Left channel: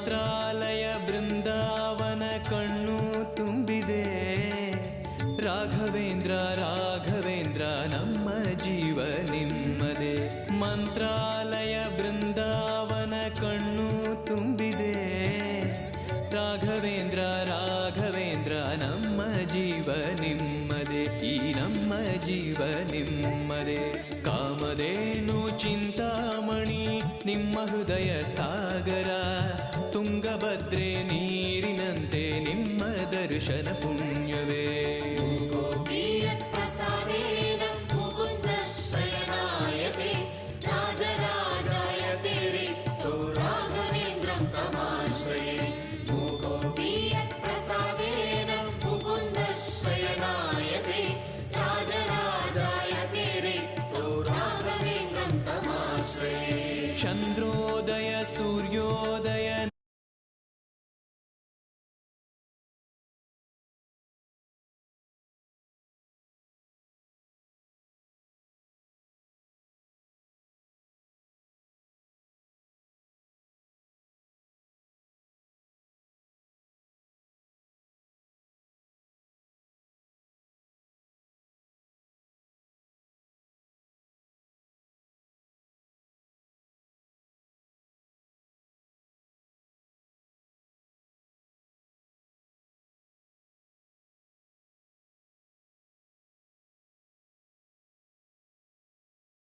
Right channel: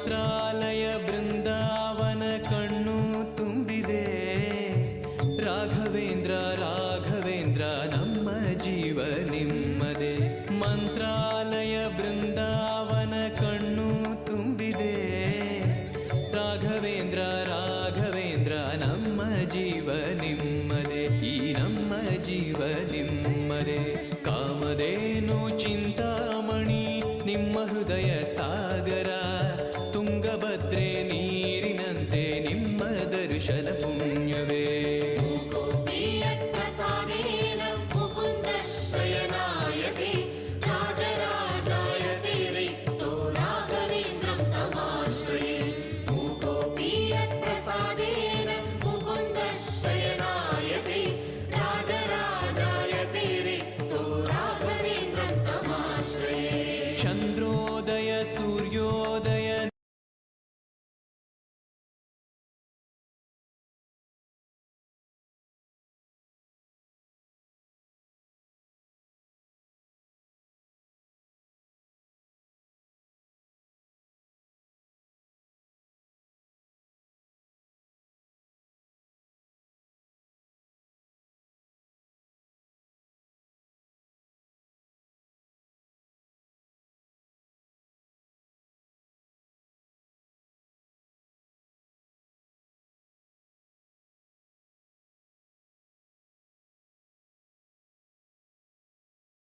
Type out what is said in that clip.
ಮಂತ್ರಾಲಯ ಬೃಂದಾವನ ಕಣ್ಣು ತುಂಬಿದೆ. ರಾಘವೇಂದ್ರ ರಾಘವೇಂದ್ರ ನಮ್ಮ ಜೀವ ನಿಮ್ಮದೇ. ಮಂತ್ರಾಲಯ ಬೃಂದಾವನ ಕಣ್ಣು ತುಂಬಿದೆ. ರಾಘವೇಂದ್ರ ರಾಘವೇಂದ್ರ ನಮ್ಮ ಜೀವ ನಿಮ್ಮದೇ. ಈ ನಮ್ಮ ಜೀವ ನಿಮ್ಮದೇ. ಕಾಮಧೇನು ಚಿಂತಾಮಣಿ ನಿಮ್ಮ ಹೃದಯ ಸಾಗರ. ತುಂಗಭದ್ರೆ ನೀರಿನಂತೆ ನಿಮ್ಮ ದರ್ಶನ ಪುಣ್ಯವೇ.